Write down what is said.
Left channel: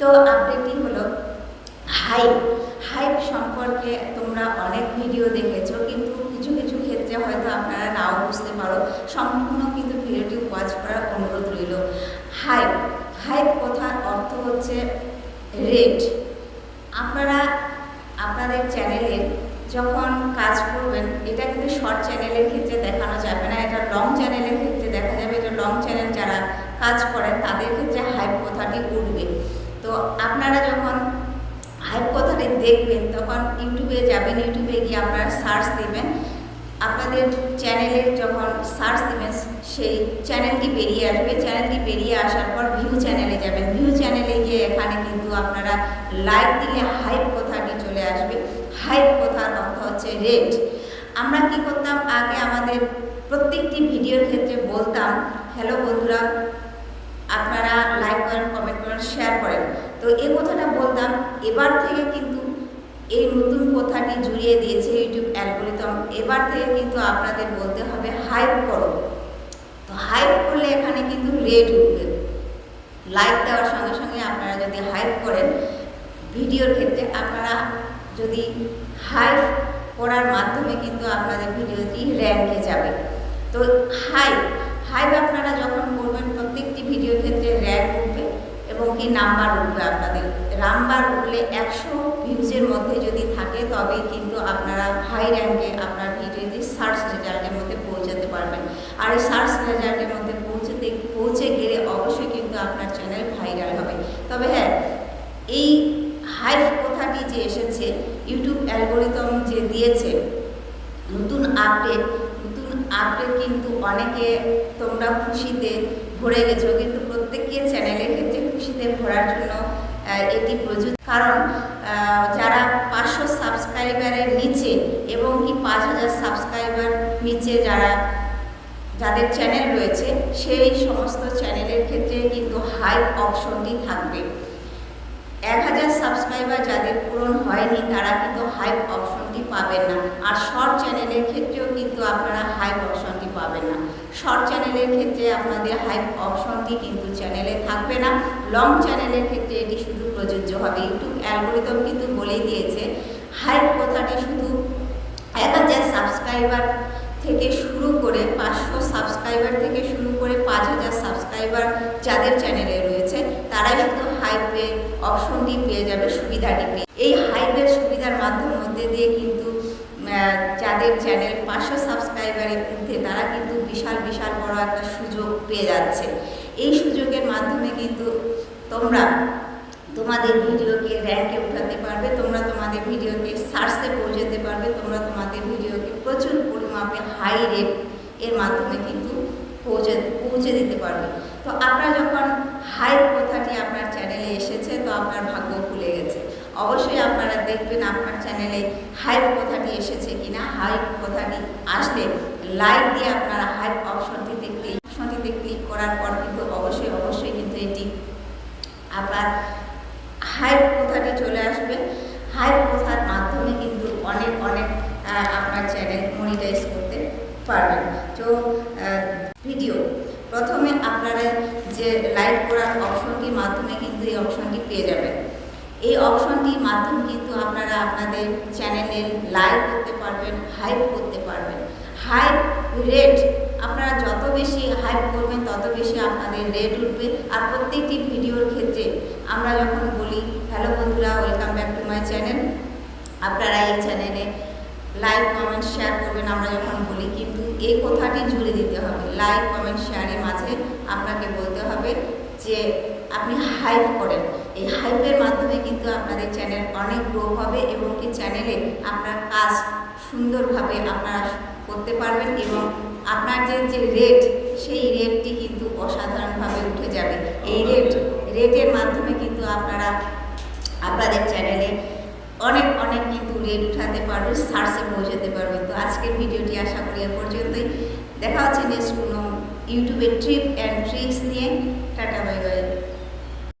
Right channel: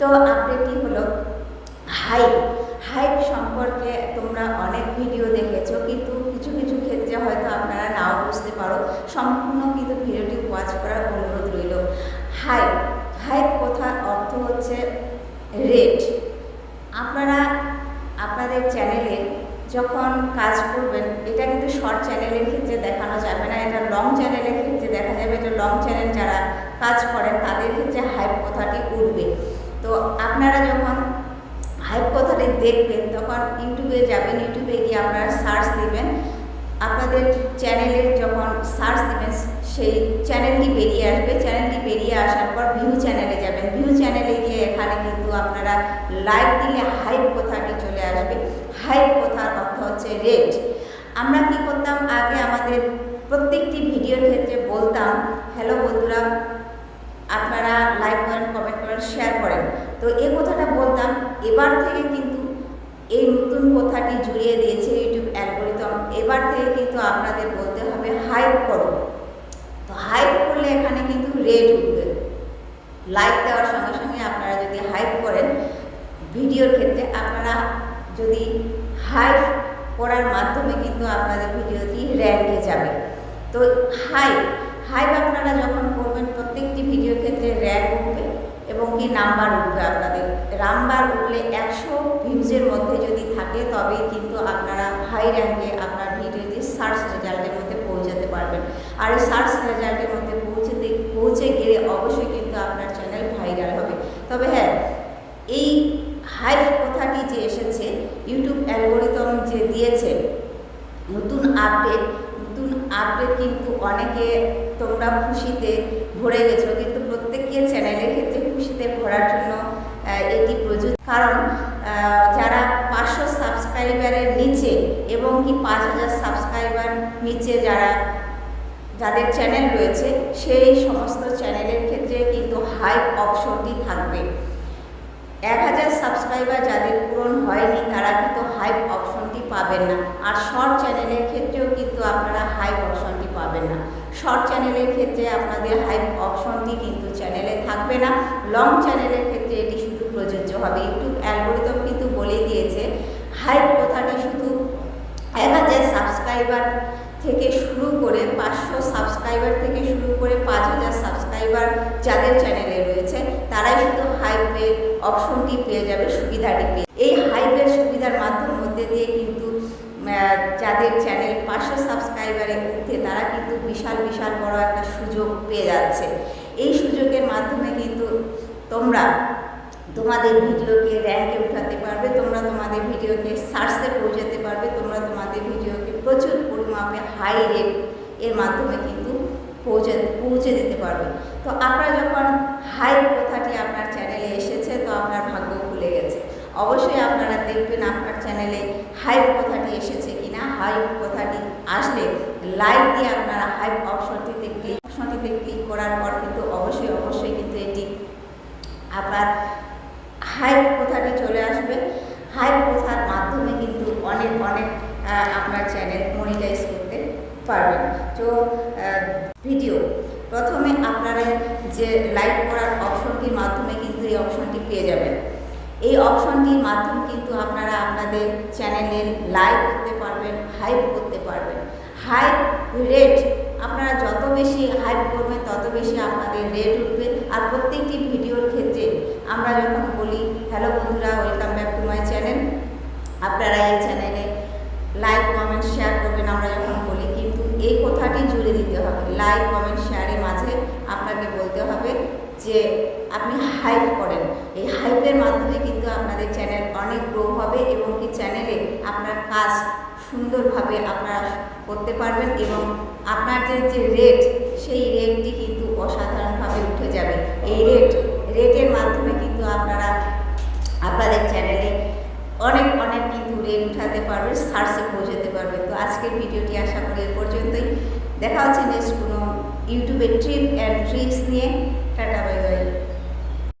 তো আপডেটটি হলো হাইপ। হাইপ সম্পর্কে তোমরা অনেক ভিডিও দেখেছো, কিন্তু কিছু কিছু ক্ষেত্রে হয়তো আপনারা নাও বুঝতে পারো। সম্পূর্ণ কিন্তু ভিডিওটি ওয়াচ করার অনুরোধ রইল। হাইপ হাইপ কথার অর্থ হচ্ছে রেট। আপনারা আপনাদের চ্যানেলে যখন কাজ করবেন, এটা কিন্তু শর্ট চ্যানেলের ক্ষেত্রে দেখানো যাবে না, এটা লং চ্যানেলের ক্ষেত্রে দেখা যাবে। এটা লং চ্যানেল যারা কাজ করেন তাদের ক্ষেত্রে হাইপ কথাটি উঠবে। তো আপনারা যখন হাইপ কথাটি দেখবেন তখন ইউটিউবে যাবেন, ইউটিউবে গিয়ে আপনারা সার্চ দেবেন। আপনাদের চ্যানেলের যখন সার্চ দেবেন সেই চ্যানেলটি বেরিয়ে আসবে। চ্যানেলটি বেরিয়ে আসার পর ভিউ চ্যানেলে যাবেন। ভিউ চ্যানেলে গিয়ে এখানে কিন্তু আপনারা লাইক দিলে হাইপ কথাটি চলে আসবে। হাইপ কথার অর্থ হচ্ছে রেট। আমরা কি করতাম আগে, আমাদের প্রত্যেকটি ভিডিওর ক্ষেত্রে বলতাম, হ্যালো বন্ধুরা, আপনারা লাইক করেন, কমেন্ট করেন, শেয়ার করেন। তো এই কথাটা বলতাম। এবার থেকে কিন্তু এই নতুন কথাটি জুড়িয়ে দিয়েছে ইউটিউব অ্যালগরিদম। এবার থেকে কিন্তু আপনাদের বলতে হবে হাইপ করো। তো হাইপ করলে এখানে কিন্তু রেট উঠবে। লাইক দেওয়ার সঙ্গে সঙ্গে আপনারা যদি হাইপ করেন ভিডিওর ক্ষেত্রে, আপনারা যদি হাইপ করার মাধ্যমে কিন্তু আপনাদের ভিডিওটি র্যাঙ্কে যাবে। তো হাইপ আপনারা যখন করবেন প্রত্যেকটি ভিডিওর ক্ষেত্রে র্যাঙ্ক উঠবে এবং কি নাম্বার উঠবে। আপনাদের নাম্বার উঠলে 100 ভিউজের মধ্যে যদি থাকে তবেই কিন্তু আপনারা হাই র্যাঙ্কে আপনার ভিডিওটি সার্চ রেজাল্টের মধ্যে পৌঁছাতে পারবেন। আর এই সার্চ রেজাল্টের মধ্যে পৌঁছে গেলে অবশ্যই কিন্তু আপনার চ্যানেল ভাইরাল হবে। তবে হ্যাঁ, এই হাইপ কথাটি যে এসেছে, ইউটিউব অ্যালগরিদম যে দিয়েছে নতুন আপডেট কিন্তু অনেকে তোমরা খুশিতে ভরে গেছো, কিন্তু প্রত্যেকের চ্যানেলের ক্ষেত্রে খুশিতে ভরার জন্য এটি প্রযোজ্য। কারণ যারা 500 সাবস্ক্রাইবারের নিচে এবং কি 5000 সাবস্ক্রাইবার নিচে যাদের চ্যানেল রয়েছে, সেই সমস্ত চ্যানেলের ক্ষেত্রে কিন্তু হাইপ অপশনটি থাকবে। 1000 সাবস্ক্রাইবার যাদের পূরণ হয়নি তারা কিন্তু হাইপ অপশনটি পাবেন না। আর শর্ট চ্যানেলের ক্ষেত্রেও কিন্তু আপনারা হাইপ অপশনটি পাবেন না। শর্ট চ্যানেলের ক্ষেত্রে আপনাদের হাইপ অপশনটি কিন্তু চ্যানেলে থাকবে না। লং চ্যানেলের ক্ষেত্রে এটি শুধু প্রযোজ্য হবে। ইউটিউব অ্যালগরিদম কিন্তু বলেই দিয়েছে হাইপ কথাটি শুধু 1000 সাবস্ক্রাইবার থেকে শুরু করে 500 সাবস্ক্রাইবার থেকে শুরু করে 5000 সাবস্ক্রাইবার যাদের চ্যানেলে রয়েছে তারাই শুধু হাইপের অপশনটি পেয়ে যাবে, সুবিধাটি পেয়ে। এই হাইপের সুবিধার মধ্যে দিয়ে কিন্তু যাদের চ্যানেল 500 সাবস্ক্রাইবারের ঊর্ধ্বে তারা কিন্তু বিশাল বড় একটা সুযোগ পেয়ে যাচ্ছে। এই সুযোগের মাধ্যমে কিন্তু তোমরা তোমাদের ভিডিওকে র্যাঙ্কে উঠাতে পারবে, তোমরা তোমাদের ভিডিওকে সার্চে পৌঁছাতে পারবে, তোমরা তোমাদের ভিডিওকে প্রচুর পরিমাণে হাই রেট এর মাধ্যমে কিন্তু পৌঁছে দিতে পারবে। তো আপনার যখন হাইপ কথাটি আপনার চ্যানেলে এসেছে তো আপনার ভাগ্য খুলে গেছে। অবশ্যই আপনারা দেখবেন আপনার চ্যানেলে হাইপ কথাটি এসেছে কিনা। হাইপ কথাটি আসলে লাইক দিয়ে আপনারা হাইপ অপশনটিতে ক্লিক করার পর কিন্তু অবশ্যই কিন্তু এটি আপনার হাইপ কথাটি চলে আসবে। হাইপ কথার মাধ্যমে কিন্তু অনেক আপনার চ্যানেল মনিটাইজ করতে পারবেন। তো ভিডিও প্রথমে আপনারা যে লাইক করার অপশনটির মাধ্যমে কিন্তু এই অপশনটি পেয়ে যাবেন। এই অপশনটির মাধ্যমে কিন্তু আপনারা আপনাদের চ্যানেলের লাইক করতে পারবেন, হাইপ করতে পারবেন। হাইপ রেট, আপনারা যত বেশি হাইপ করবেন তত বেশি আপনাদের রেট উঠবে। আর প্রত্যেকটি ভিডিওর ক্ষেত্রে আমরা যখন বলি হ্যালো বন্ধুরা, welcome back to my channel, আপনারা এই চ্যানেলে লাইক কমেন্ট শেয়ার করবেন আমরা যখন বলি, কিন্তু এই কথাটি জুড়ে দিতে হবে। লাইক কমেন্ট শেয়ারের মাঝে আপনাকে বলতে হবে যে আপনি হাইপ করেন। এই হাইপের মাধ্যমে কিন্তু আপনাদের চ্যানেল অনেক গ্রো হবে এবং কি চ্যানেলে আপনার কাজ সুন্দরভাবে আপনারা করতে পারবেন এবং আপনার যে রেট সেই রেটটি কিন্তু অসাধারণভাবে উঠে যাবে। এই রেটের মাধ্যমে কিন্তু আপনারা আপনাদের চ্যানেলে অনেক কিন্তু রেট উঠাতে পারবে, সার্চে পৌঁছাতে পারবে। তো আজকের ভিডিওটি আশা করি এ পর্যন্তই। দেখা হচ্ছে নেক্সট কোনো ইউটিউবের ট্রিপ অ্যান্ড ট্রিক্স নিয়ে। Tata, bye bye.